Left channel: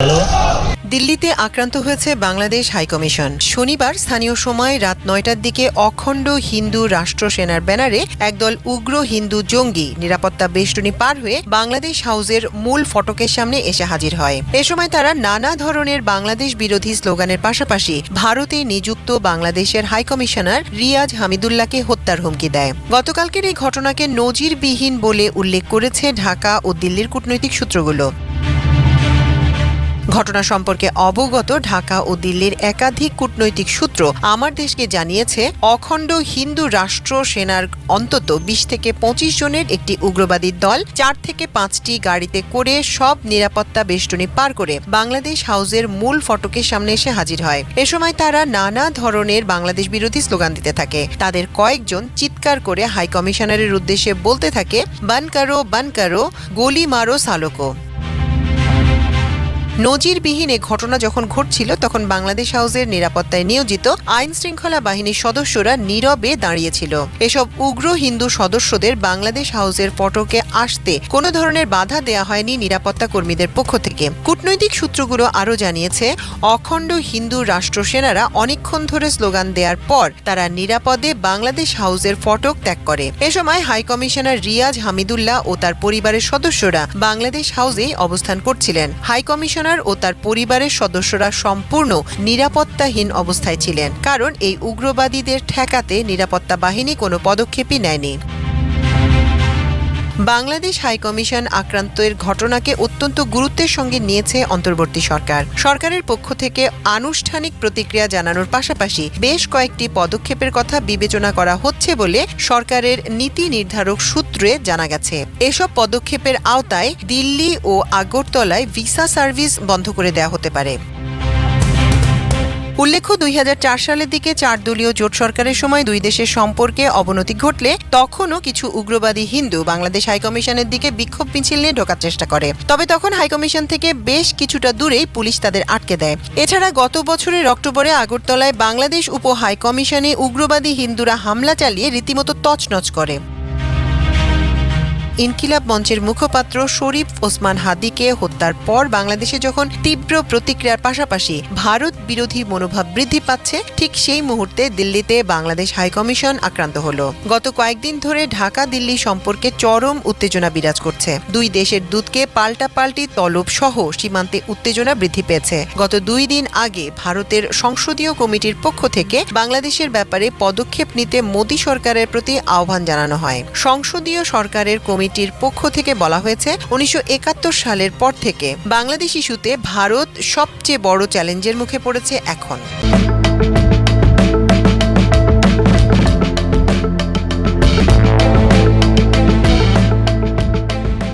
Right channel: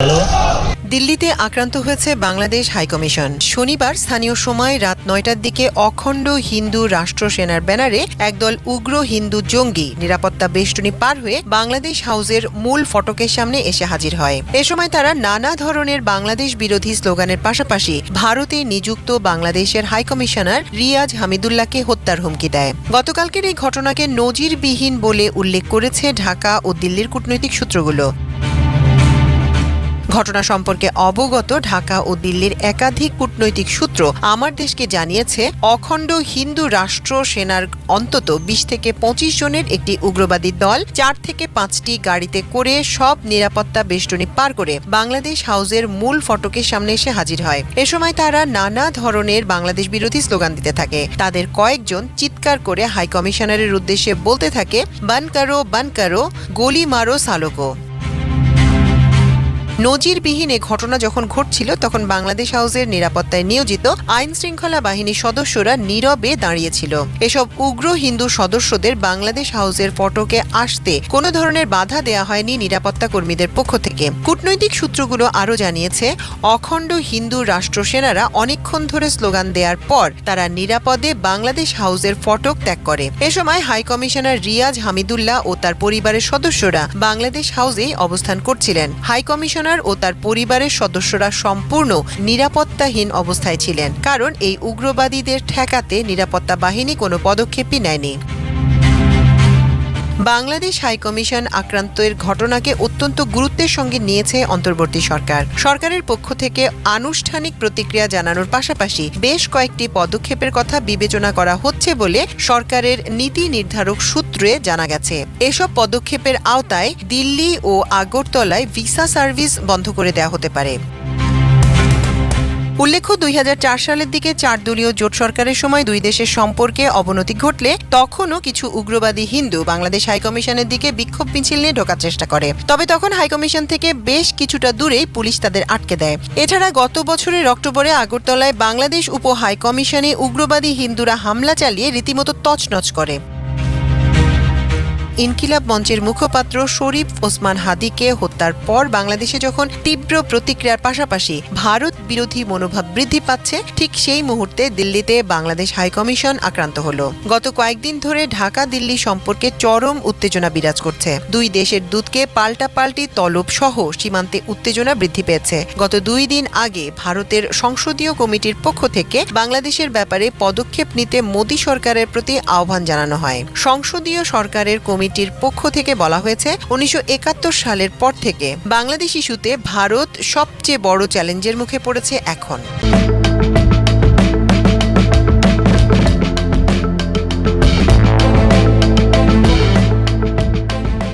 দিল্লিতে আক্রান্ত হয়েছে বাংলাদেশ হাইকমিশন। শনিবার স্থানীয় সময় রাত ৯টার দিকে অখণ্ড হিন্দু রাষ্ট্র সেনার ব্যানারে একদল উগ্র হিন্দু জঙ্গি নিরাপত্তা বেষ্টনী পার হয়ে বাংলাদেশ হাউসের মূল ফটকের সামনে এসে হাজির হয়। এ সময় তারা নানা ধরনের বাংলাদেশ বিরোধী স্লোগানের পাশাপাশি ভারতে নিযুক্ত বাংলাদেশের হাইকমিশনার রিয়াজ হামিদুল্লাহকে হত্যার হুমকি দেয়। গতকালকের এই ঘটনাকে নজিরবিহীন বলে উল্লেখ করেছে ঢাকা ও দিল্লির কূটনৈতিক সূত্রগুলো। ঘটনা সম্পর্কে অবগত ঢাকা ও দিল্লির একাধিক কূটনৈতিক সূত্র আমার দেশকে জানিয়েছে, অখণ্ড হিন্দু রাষ্ট্র সেনার অন্তত ২০ থেকে ২৫ জনের একটি উগ্রবাদী দল ৪ থেকে ৫টি গাড়িতে করে সব নিরাপত্তা বেষ্টনী পার করে বাংলাদেশ হাউসের মূল ফটকের সামনে এসে হাজির হয়। এ সময় তারা নানা ধরনের বাংলাদেশ বিরোধী স্লোগান দিতে থাকে। তাদের কয়েকজন চিৎকার করে হাইকমিশনারের উদ্দেশ্যে বলতে থাকে, বান কারো গোলি মারো সালোকো। নজিরবিহীন এ ঘটনা যখন ঘটছিল তখন বাংলাদেশ হাউসের নিরাপত্তায় নিয়োজিত আইন শৃঙ্খলা বাহিনীর সদস্যরা নীরবে দাঁড়িয়েছিল। এসব উগ্র হিন্দু সদস্যদের বাংলাদেশ হাউসের ফটকে আসতে কোনো ধরনের বাধা দেয়া হয়নি নিরাপত্তা কর্মীদের পক্ষ থেকে। কূটনৈতিক সূত্রগুলো আরও জানিয়েছে, অখণ্ড হিন্দু রাষ্ট্র সেনারা অনেকক্ষণ ধরে স্লোগান দেওয়ার পর তারা নিরাপদে বাংলাদেশ হাউসের ফটক ত্যাগ করে। এ সময় হাইকমিশনার রিয়াজ হামিদুল্লাহ ও তার পরিবারের সদস্যরা বাংলাদেশ হাউসেই অবস্থান করছিলেন। হাইকমিশনার ও তার পরিবারের সদস্যরা সম্পূর্ণ নিরাপত্তাহীন অবস্থায় ছিলেন, কারণ এই উগ্রবাদীদের ঠেকাতে নিরাপত্তা বাহিনী কোনো পদক্ষেপই নেয়নি। বাংলাদেশ হাইকমিশন আক্রান্তের ঘটনাকে অত্যন্ত গুরুত্বের সঙ্গে নিয়েছে অন্তর্বর্তী সরকার। সরকারের পক্ষ থেকে আনুষ্ঠানিক প্রতিক্রিয়া জানানোর পাশাপাশি বেশ কয়েকটি পদক্ষেপের কথা বিবেচনা করা হচ্ছে বলে সরকারের নীতি নির্ধারক সূত্রে জানা গেছে। এসব পদক্ষেপের আওতায় দিল্লি ও আগরতলায় ভিসা সার্ভিস বন্ধ করে দেওয়া হতে পারে। উল্লেখ্য, ২০০৪ সালের দিকে ৪ দলীয় জোট সরকারের সময় দুই দেশের সম্পর্কে অবনতি ঘটলে তখনও কিছু উগ্রবাদী হিন্দু বাংলাদেশ হাইকমিশনের দিকে বিক্ষোভ মিছিল নিয়ে ঢোকার চেষ্টা করে। তবে তখন হাইকমিশন থেকে বেশ কিছুটা দূরেই পুলিশ তাদের আটকে দেয়। এছাড়া গত বছরের অক্টোবরে আগরতলায় বাংলাদেশ উপ হাইকমিশনে উগ্রবাদী হিন্দুরা হামলা চালিয়ে রীতিমতো তছনছ করে। ইনকিলাব মঞ্চের মুখপাত্র শরীফ ওসমান হাদিকে হত্যার পর বাংলাদেশে যখন তীব্র প্রতিক্রিয়ার পাশাপাশি ভারত বিরোধী মনোভাব বৃদ্ধি পাচ্ছে, ঠিক সেই মুহূর্তে দিল্লিতে বাংলাদেশ হাইকমিশন আক্রান্ত হলো। গত কয়েকদিন ধরে ঢাকা দিল্লি সম্পর্কে চরম উত্তেজনা বিরাজ করছে। দুই দেশের দূতকে পাল্টাপাল্টি তলব সহ সীমান্তে উত্তেজনা বৃদ্ধি পেয়েছে। গত ২ দিন আগে ভারতের সংসদীয় কমিটির পক্ষ থেকে বাংলাদেশের ব্যাপারে পদক্ষেপ নিতে মোদী সরকারের প্রতি আহ্বান জানানো হয়। সংসদীয় সরকারের কমিটির পক্ষ থেকে বলা হয়েছে, ১৯৭১ সালের পর থেকে বাংলাদেশ ইস্যুতে ভারত সবচেয়ে বড় চ্যালেঞ্জের মুখে পড়েছে এখন।